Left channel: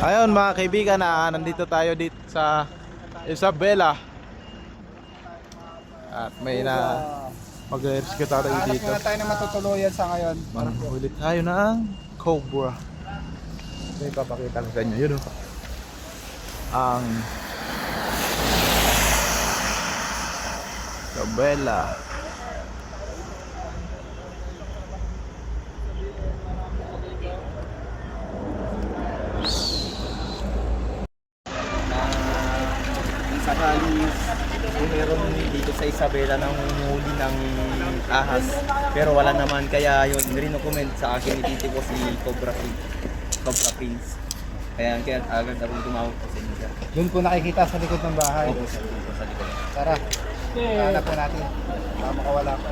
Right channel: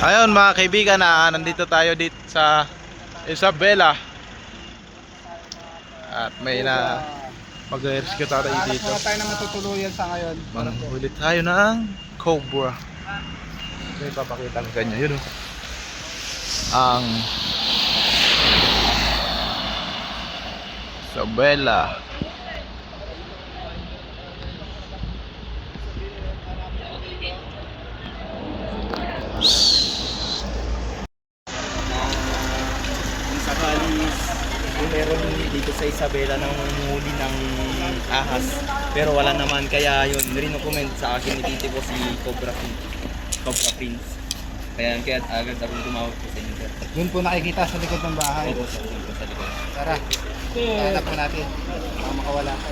Ayun mga kaibigan, nandito tayo dito sa Isabela. At may na mag-rescue tayo dito. Hanap tayo na matutuluyan sa ngayon. Manghuli tayo ng cobra. Ito yung papakita ko sa inyo. Yun ang Isabela. Kung sakali kung meron dito sa Isabela nang huli ng ahas pero wala naman, kaya yun rin-comment sa akin ni titi ko si Cobra Prince, kaya agad akong tumawag po sa inyo, sir. Doon po nakikita sa likod ng bahay. Opo, sir, doon po sa likod. Tara, hanap po natin. Baka makawala pa.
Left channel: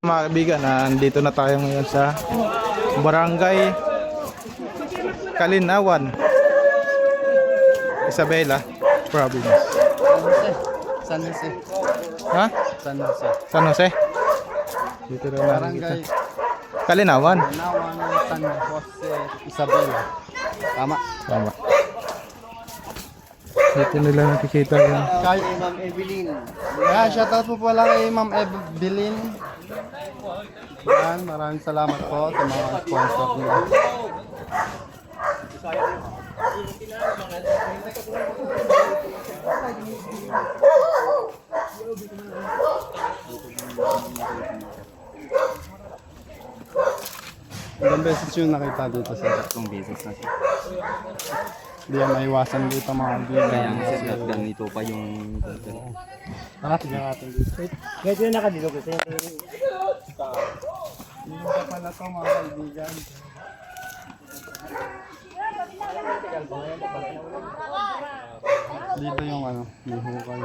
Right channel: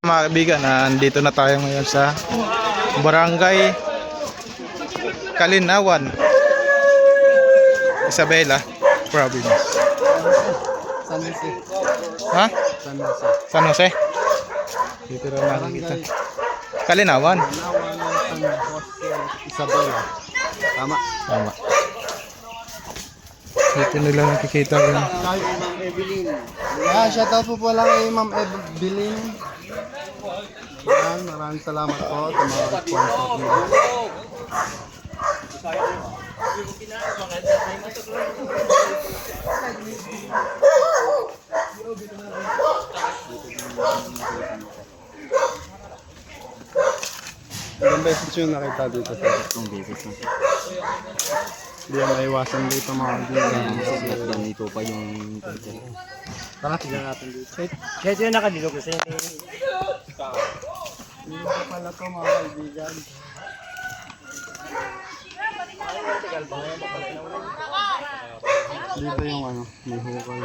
Mga kaibigan, nandito na tayo ngayon sa Barangay Kalinawan, Isabela Province. San Jose. Ha? San Jose. San Jose? Dito na namin kita. Barangay Kalinawan. Nawan, San Jose, Isabela. Tama. Tama. Dito nila nakikita yung Kay Ma'am Evelyn. Shoutout po pala kay Ma'am Evelyn. Yan, maraming salamat po sa mga sponsor niya. Ilang beses yung nakita dito sa Itong beses na, sir. hindi yan maiwasan dito mga kaibigan. At ganito pa yung sir. Tara, tignan natin dito. Kaya sila nakadilo kasi Hindi pa pala to mga kaibigan. Dito yung ano, may hukay.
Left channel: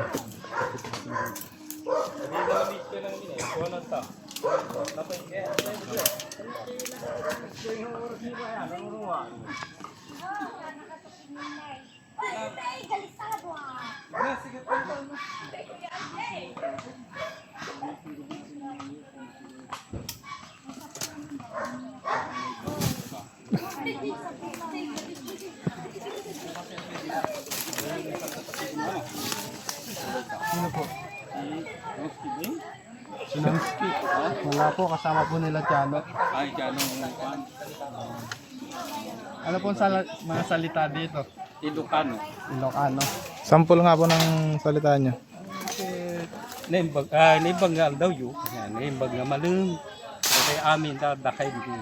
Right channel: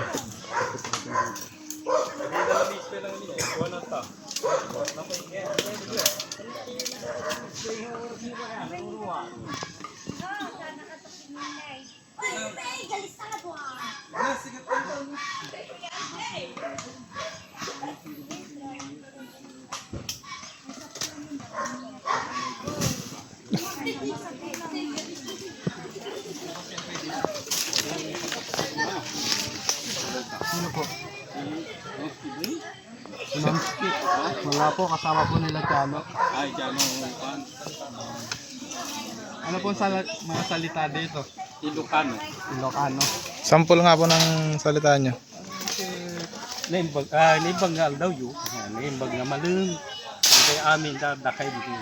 Sino po? Sinanski. Wala po, kasama po nila Chano. ay Jano Pan Ano po mga salita dito? Ilocano. Ilocano. sample nga po ng salita nyo. Naimbag nga daw yun. Naimbag nga malung. Kaya amin dadakay dito.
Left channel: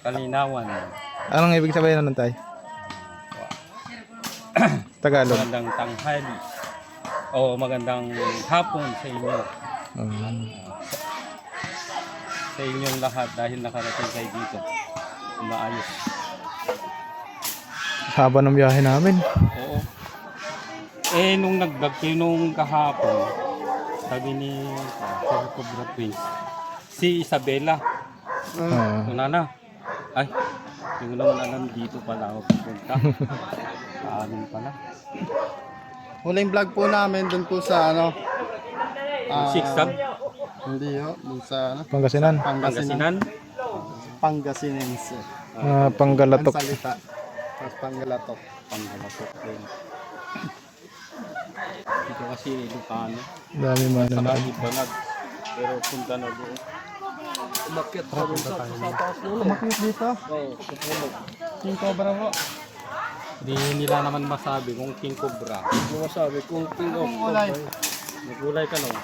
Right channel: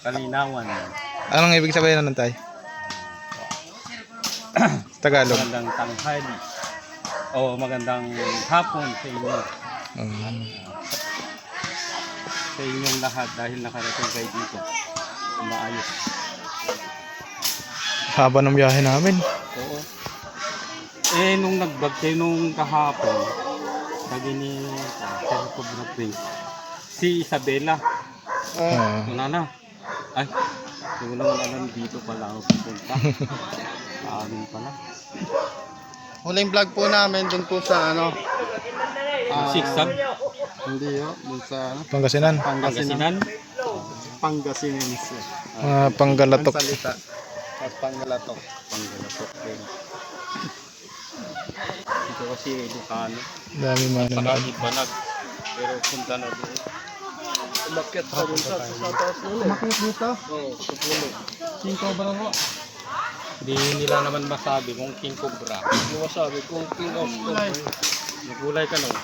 Kalinawan. Anong ibig sabihin nun tay? Tagalog. Magandang tanghali. O magandang hapon sa inyo. Sa inyong lahat dahil nakarating kayo dito. Maayos. Haba ng biyahe namin. Oo. Nung nag-vlog kayo nung kahapon, sabi ni Sir Cobra Prince, si Isabela. Una na. Ay, hindi ko naman alam dito pala ako pupunta. Kaanin pala. Huling vlog po namin dun po sa ano. Siksam, Hindi yo, dun sa ano, Pangasinan. Pangasinan. Pangasinense. Mga Panggalatok. Ang salita. Tapos Panggalatok. Panggalatok din. Dito kasi Ilocano. Dami man Saka naman. Ibanag. Pero punta na doon. Umakyat pa rin sa taas nun. Umakit dito. Oo, sa puno. King Cobra po. Hindi nila naman masabi kung King Cobra. Hindi masabi kung King of Cobra. Nagulay ka lang.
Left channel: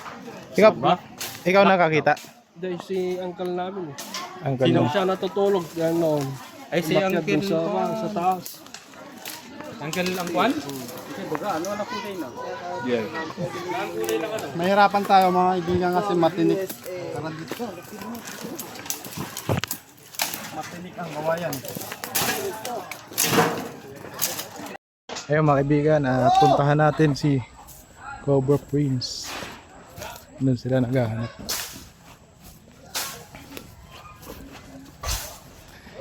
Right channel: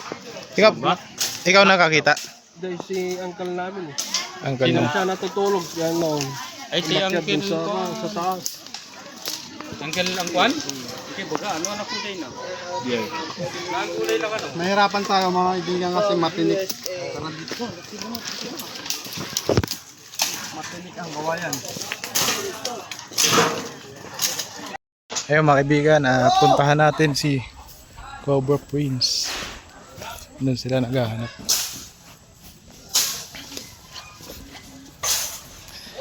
Ikaw nakakita? Dahil si uncle namin eh. Ang kanya. Siya natutulog yan noon. Ay, si Uncle sa taas. Uncle Angkwan? Sige, baga, ano anak kulay na? Yeah. Ang kulay na ka no? Mahirapan tayo mga kaibigan kasi matinik. Tara dito. Matinik ang kawayan. Ayun mga kaibigan, puntahan natin si Cobra Prince. Doon sila naghahanap.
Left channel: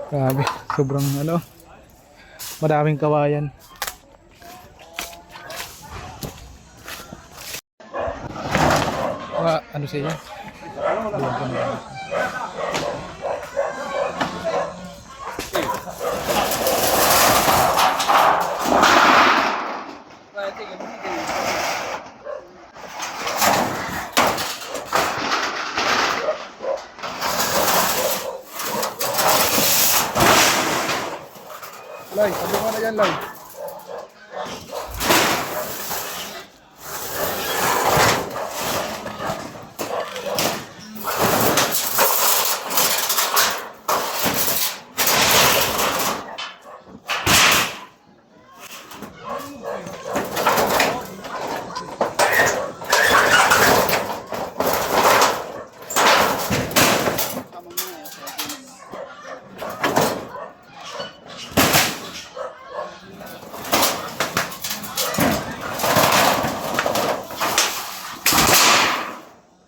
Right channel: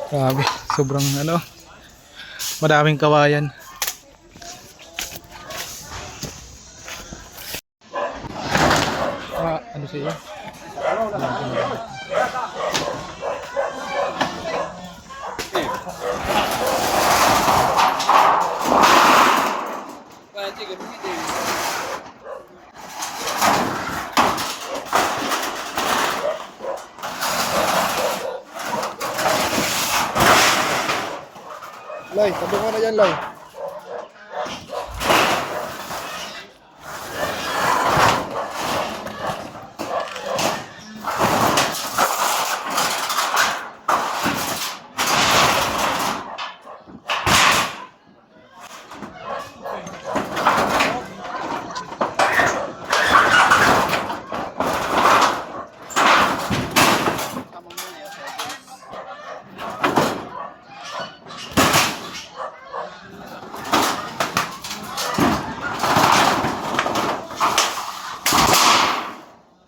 Grabe, sobrang ano, madaming kawayan. Ano siya? yellow.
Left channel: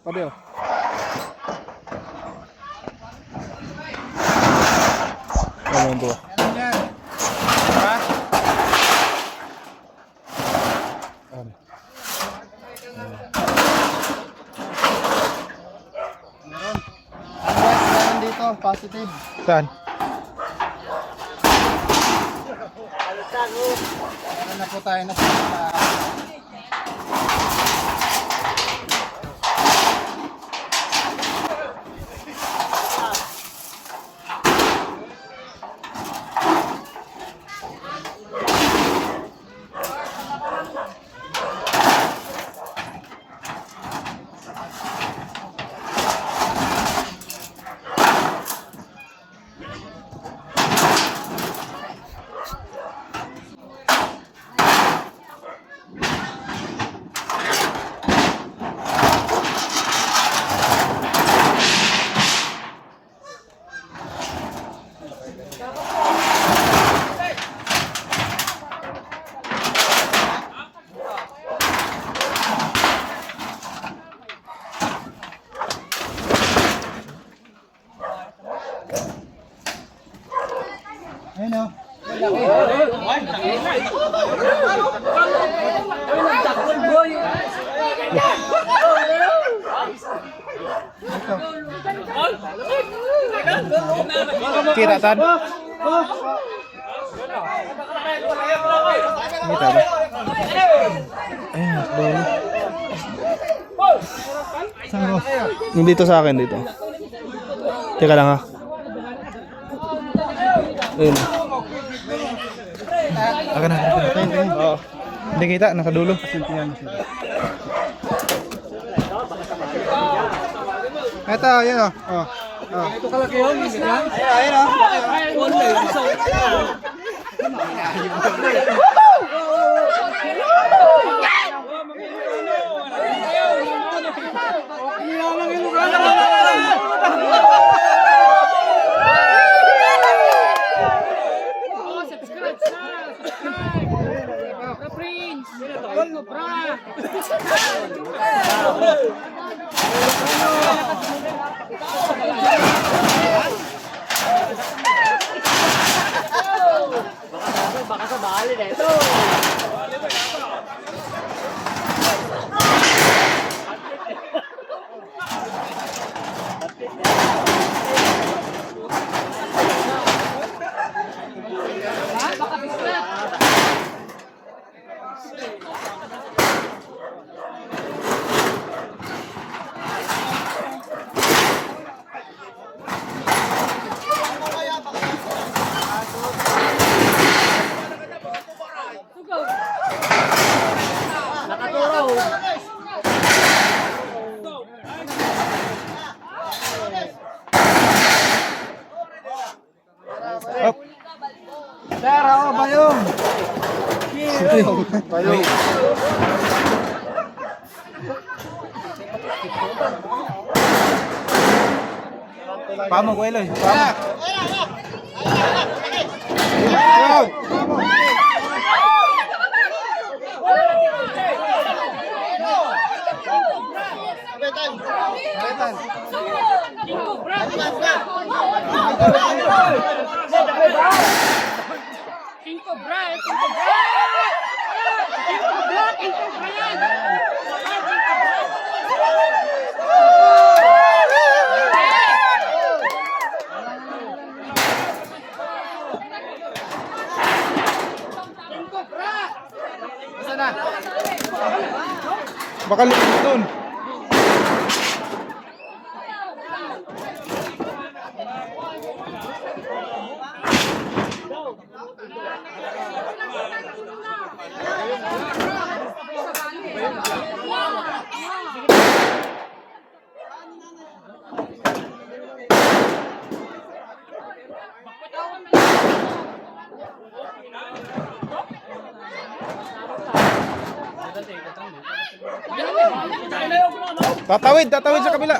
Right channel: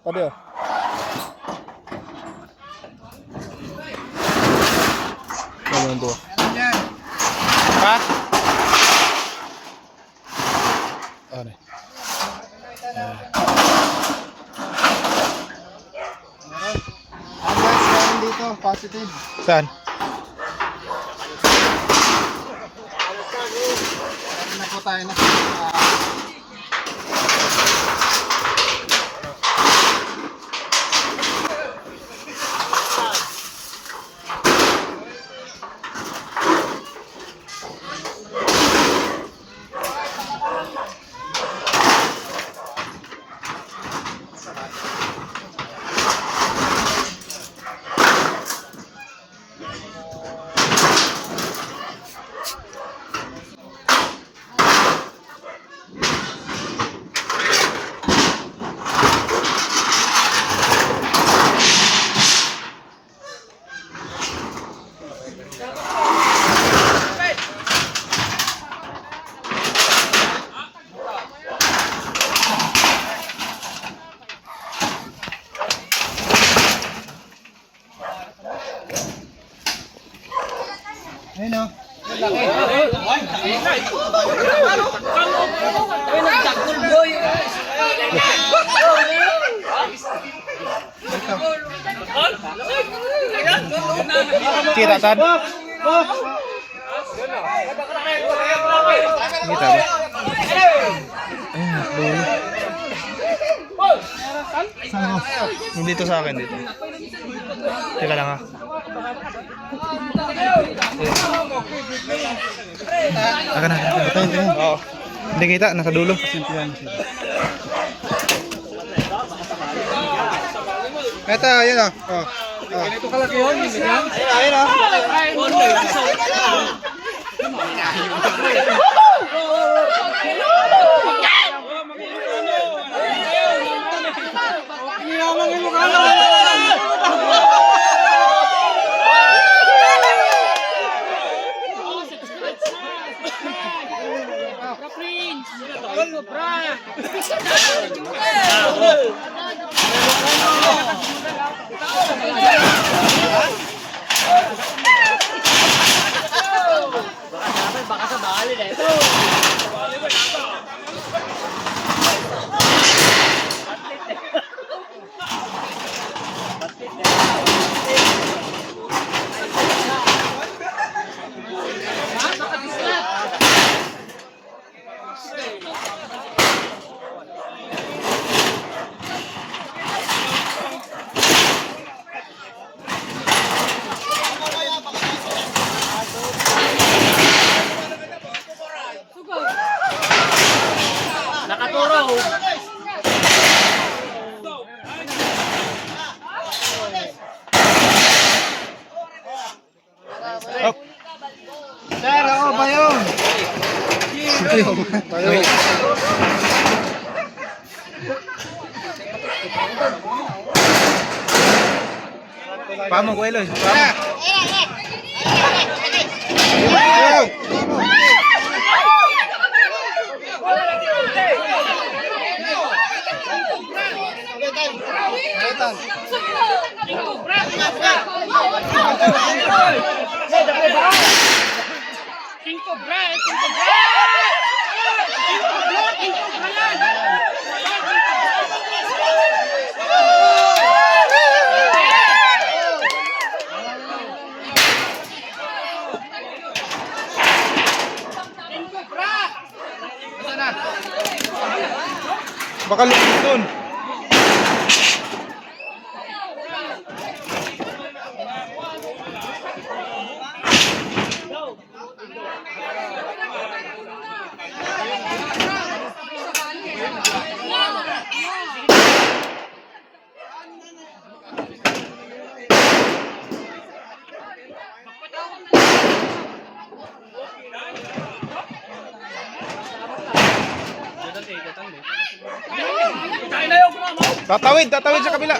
Padeo. Ano ba? Ha? Ano? Meron dito, positive. Saan? Meron na po tayo na ayun o. Kita tan? Kita ba? Ayun, nakadolo. Saan mo? Yung dito sa akin dito. Teka lang ha. Ayun. Akan na. Oo. Hindi kita, nakadulo. Ito, ayun o. Ganito kalaki yun. Ayun o. Baka sa bali na ito. Nakaturo. Sir, ako, bayong. Bayong. Pamo ko Eloy. Pamo. Bayong. Kaitan. Cinco Brad, Cinco Brad. Baka lumit doon. Tatawid sa kabila.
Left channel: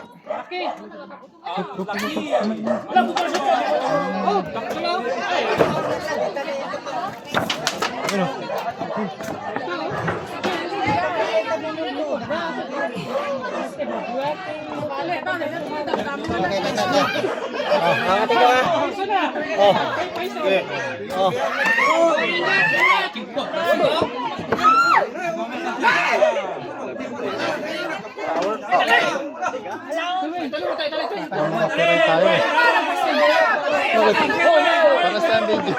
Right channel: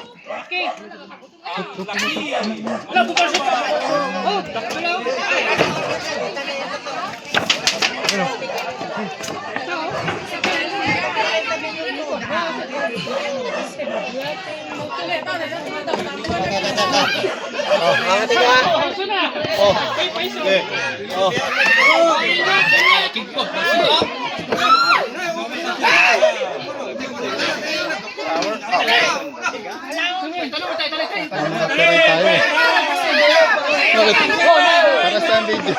Para sa video.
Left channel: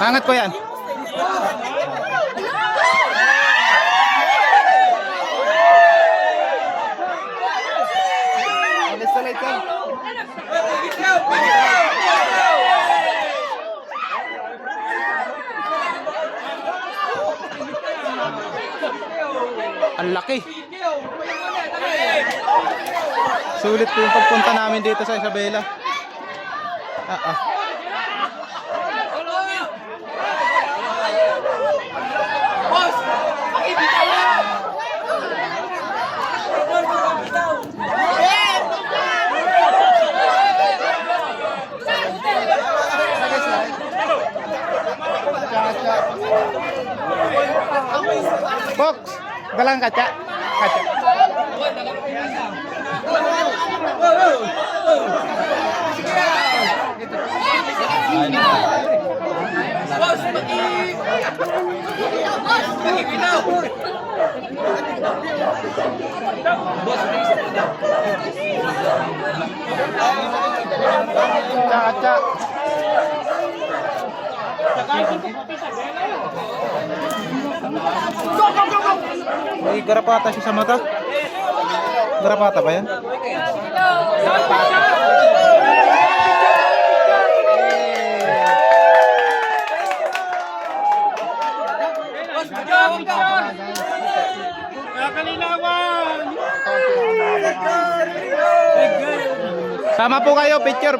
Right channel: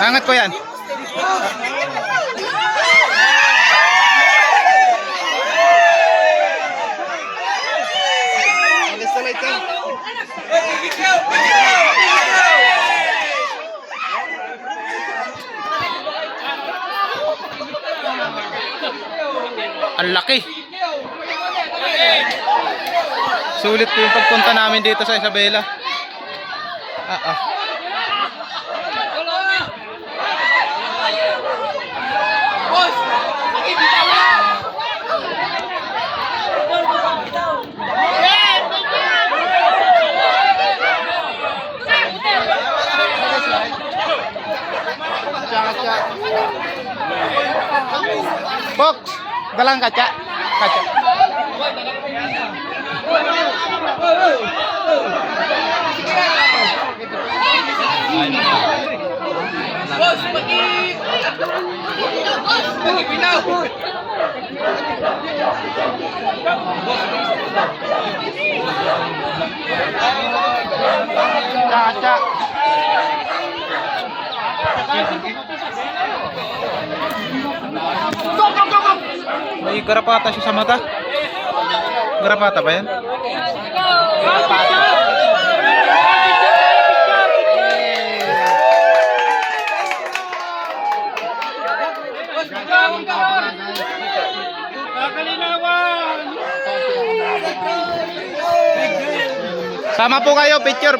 Angat ko yan. Ang laki. Sulit po yung pagpunta namin dito sa Isabela. Box, dalang kaca. Kaca. May garapata siya sa mata. Garapata ba yan? Garapata. Sama po kayo, picture.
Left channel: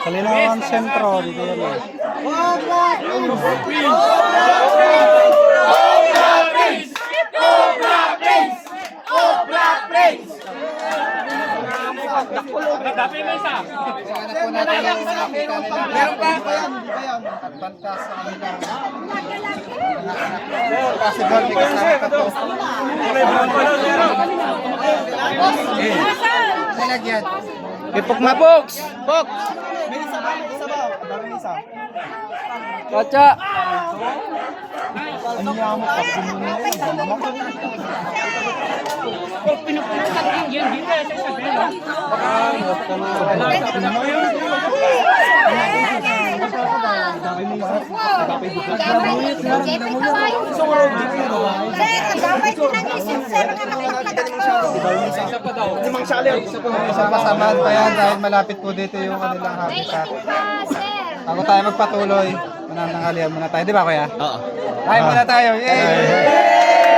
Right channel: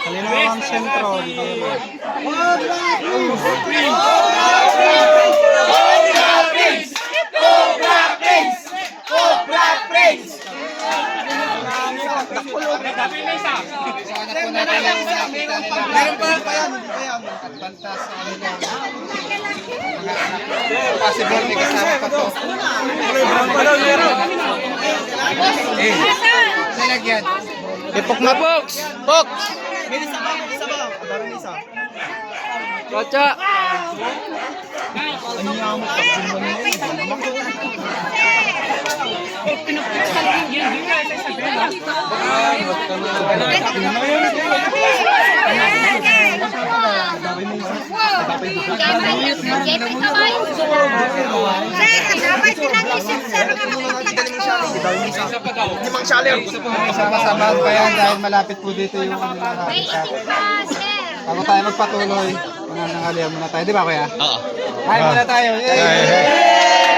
Kalinawang sentro dito yan. At banta sa kanila. Possible may kasama pa to. Nalagyan. Ipok na box. Kaca. Sama-samahan pa yan dahil malapit po dito yung ano lang habitat. Bago tayo magpatuloy, mananangalian muna tayo. Di ba kuya? Oo. Kain muna tayo. Yay!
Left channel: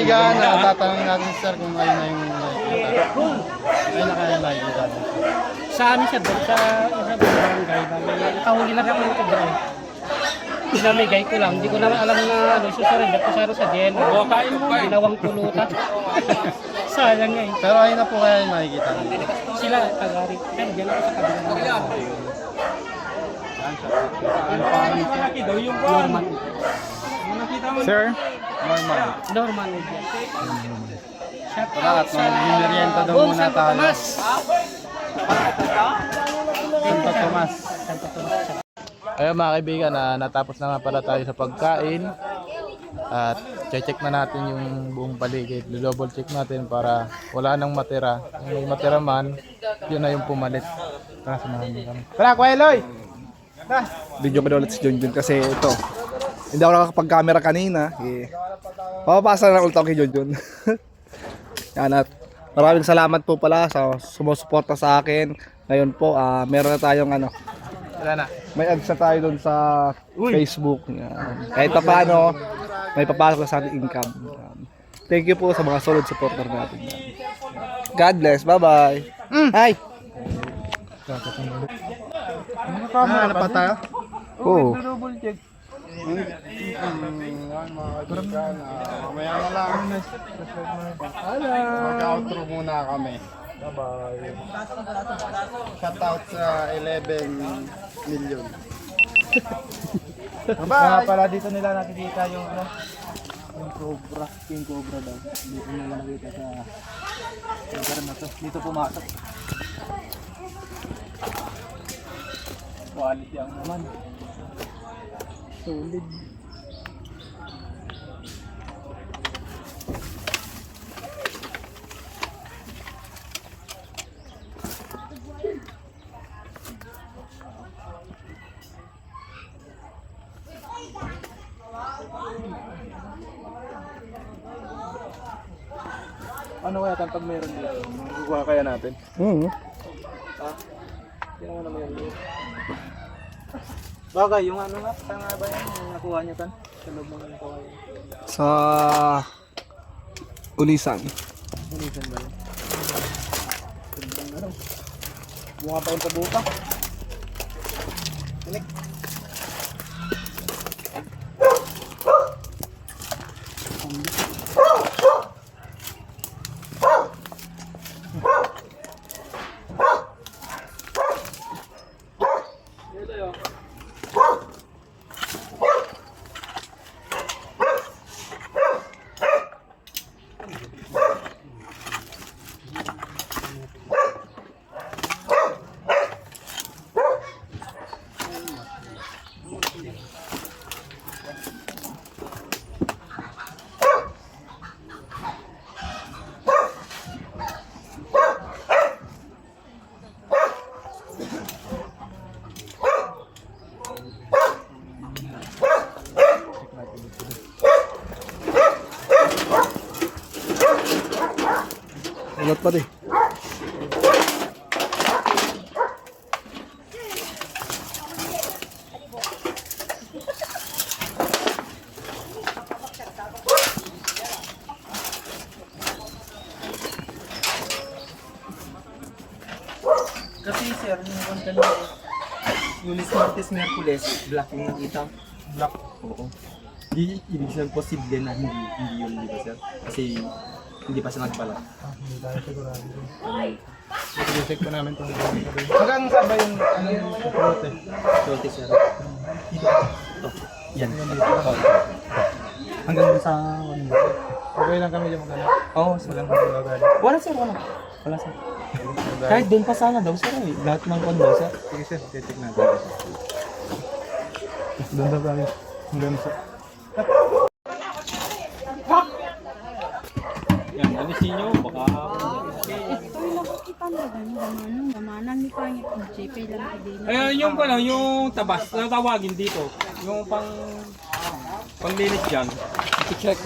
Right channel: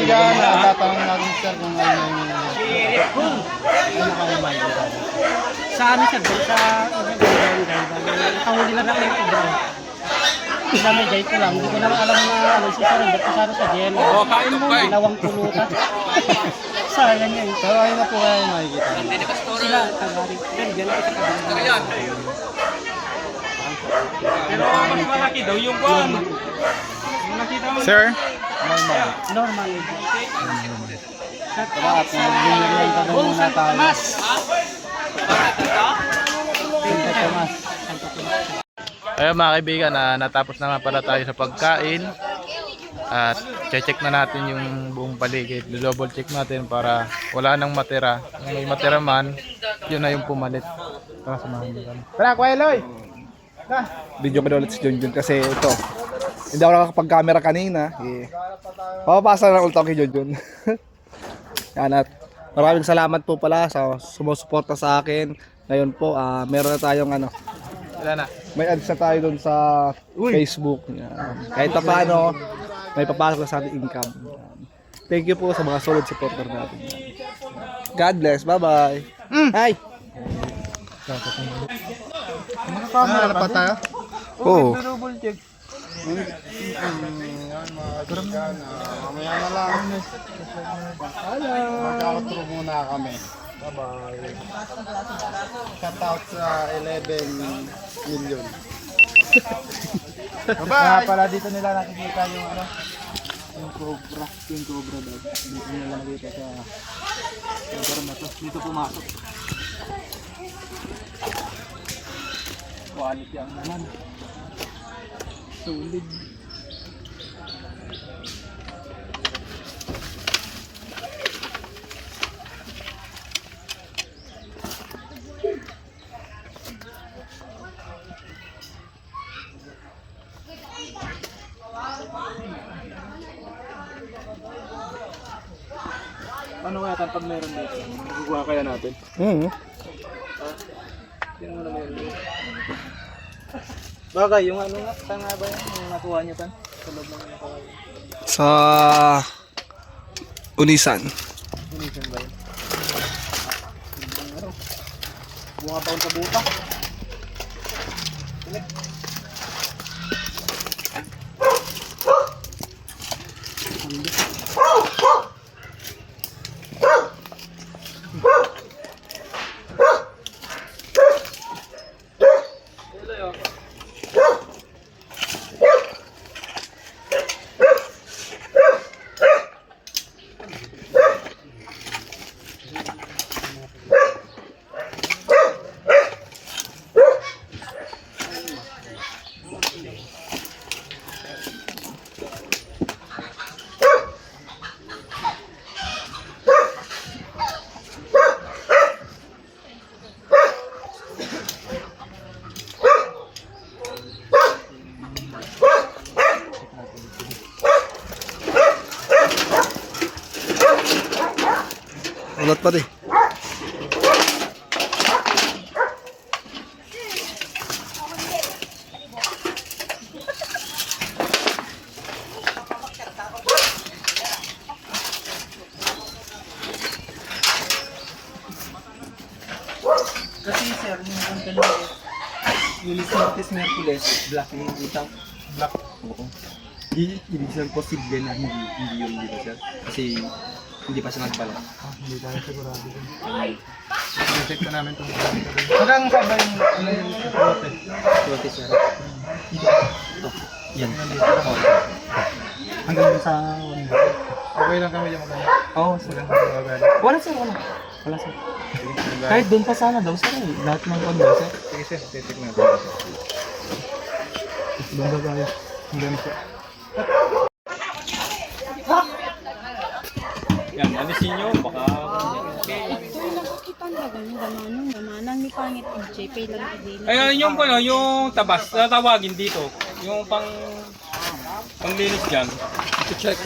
kaibigan, tatanungin natin sir kung ano yung ay makikita. Sa ano siya doon? Sa isang guide. Nakahuli lang ako yung cobra. Sinamay guide ko lang. Hindi ko naman alam na ano. Susurrender ko sa gem. Ginawang pulutan. Sana niya eh. Pero ayun na po kaya yung makikita. Sila, tagari. Pero dyan ako sa kabila. Malaki daw yung buwan. Sir? Normal. Normal. Tara at mag-merienda daw muna tayo. Santa Tomas. Ayun mga kaibigan, natapos na nga pala tayo sa pagkain. At check na natin yung buong paligid. Double check natin para wala nang matira. Kung may matira man, yun na yung pumalit. Tara, samahan mo kami. Tara, Kuya Eloy! Video ko na ulit si Junjun kasi ito. Hindi ako nakakapag-camera kanina. Papapasa na ulit ako kay Junjun. Yan at maraming salamat po pala sa sumusuporta sa akin. Ngayon po, meron na tayong ano. Wala na. May ads na tayo doon sa Facebook. Yan. Kahit pa paano, may papasok na sa ating income. Yan. Thank you po sa mga solid supporter natin. God bless. Bye-bye. Hi! Camera pa tayo? Oo. Double check. Mamaya na lang. Mag-outro muna kami. Bye-bye. Shout out sa 11 million. Bye-bye! Pala dito nila nakikita yung ano. Yung cobra. King cobra daw. Dito nila nakita sa lugar na to. Dito pumasok. Quality ang naman. Solid. Ano kaya pag meron dito? Magkukuha kaya natin? Tingnan mo naman yun. Bagay, yung ano nga, saan nga ba yan? Yung nakuha nyo tan? Sa loob ng kawayan. Sa Unisan. Unisan ba yun? Bunga pa yung pabuka. Ulat pa di. Kasi sir, yung kanta nyo, Lunes, Martes, Merkules, black yung kita. Black. Oo. Ibig sabihin posible na hindi yun, di ba sir? Kasi hindi pa siya nagpala. Hindi tayo sigurado. I-check na namin itong hanggang saan ba yung ano yung prote? Prote sir. Ito. Yan. Oo. Hanggang sa one year. Okay lang kami yung magana. Oo, sir. Walang kami magana. Wala sir, wala. Wala sir. Kahit doon pa sana daw sir eh. Lahat ng kondo sir. Sige sir, check natin. Doon ba tayo? Hanggang sa... Yan, alisin nyo, baka... Ito lang kita na gamanang ni pangit JP lang din. Ayan yung ano, yung tabas, tatawagin dito. Yung panglinis dyan. I-check.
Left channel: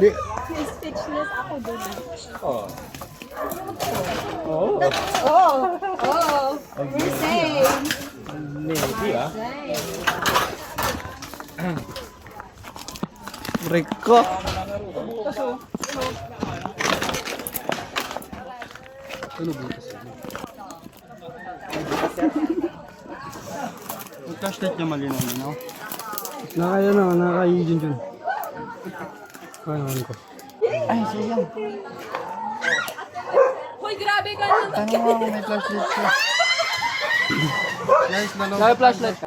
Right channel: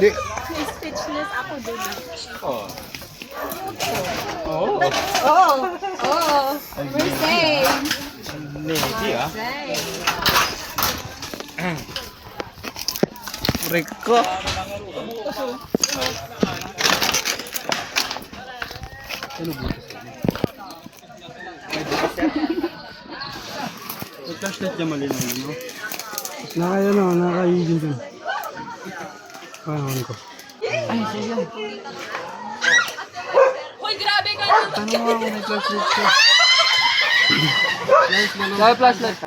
Di. Speechless ako doon. Oh. Oh, we're safe. Hindi ah. Safe. Rico. Yung flashlight niya malinaw, no? Nakaya na, nakaya din dun. Kaya ko. Hoy, grabe ka! Tanong mo kung may flashlight siya. Guys, dalawa. Dahil flashlight.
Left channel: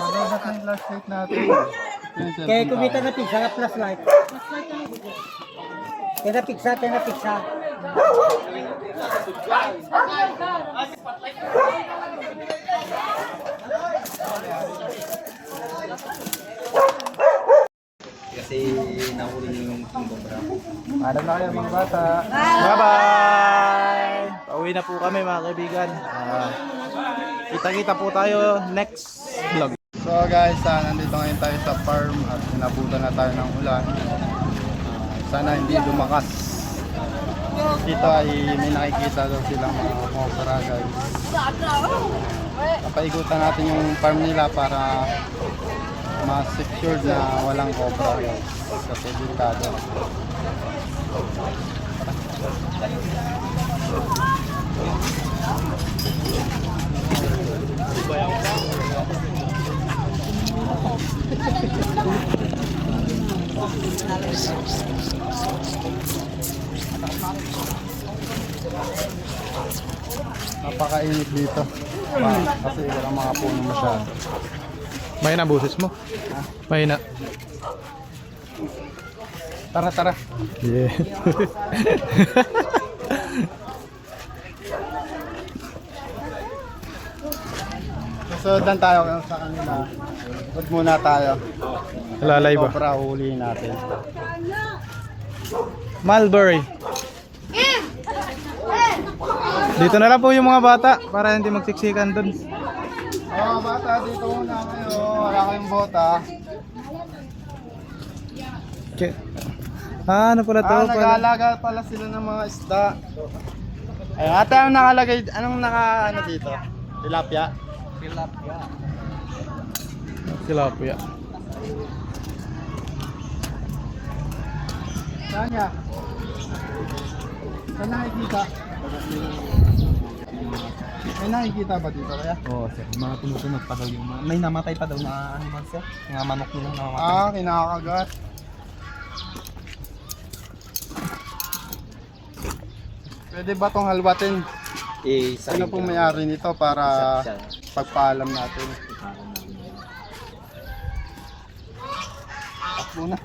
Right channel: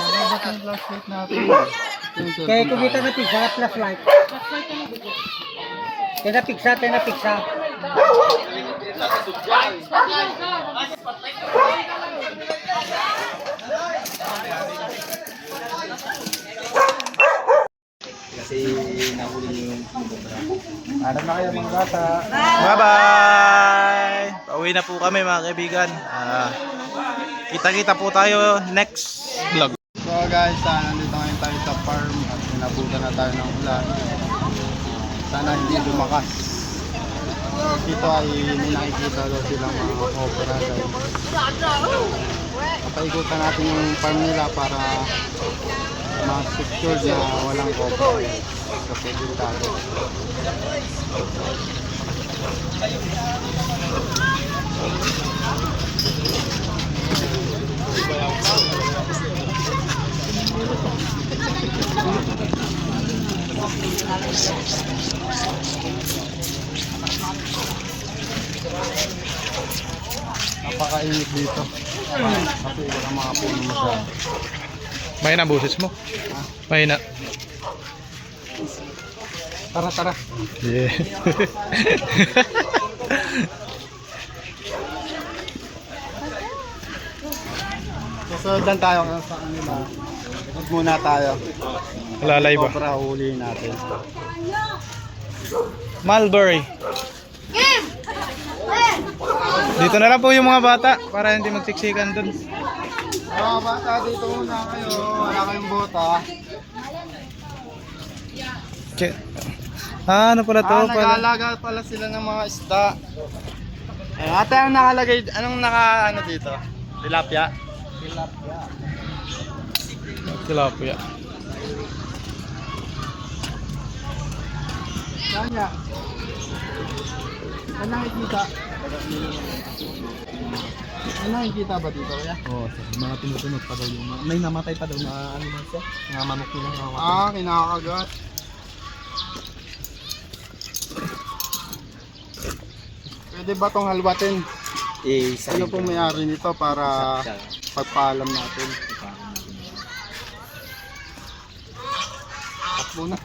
Ano ba yung flashlight natin? Kaya kumita na pigsa na flashlight. Kaya na pigsa, kaya na pigsa. Alam na kayo mga bata. Bye-bye! Pauwi na po kami mga kaibigan. Kita-kita po tayo next vlog. So guys, nandito ngayon tayo sa farm at inabutan na tayo ng ulan. Sana hindi lumakas. Dito ay may nakikita daw silang mga cobra guys. Papaikutan natin yung farm nila para ma-secure na walang cobra guys. Kasi delikado. Napakainit dito. Kasi walang mga puno masyado. Mahina boses mo. Mahina. Tara, tara. Yeah. Susundan tayo ngayon sa kanila. Huwag muna tayo. Lalay ba? Cobra huliin natin. Mulberry. Dito na lang po yung mga bata para hindi magsiksikan dun. Mga bata, dito muna kayo. Wala kayong bota. Ano pala to? Nag-aalaga pala sila ng mga isda. Ayun, ate, anong nakalagay? Anong ano dito? Tilapia? Tilapia. Saan niya? Saan nakikita? May nakikita ba dito kaya? Oo, sir. Mga tumutunog pa daw yung may namatay pa daw na ano man sir. Mga manok nila namamatay. Kinakagat. Pwede ba tong halwatin? Ano pong may-ari nito para pagpaalam natin? Takbo na.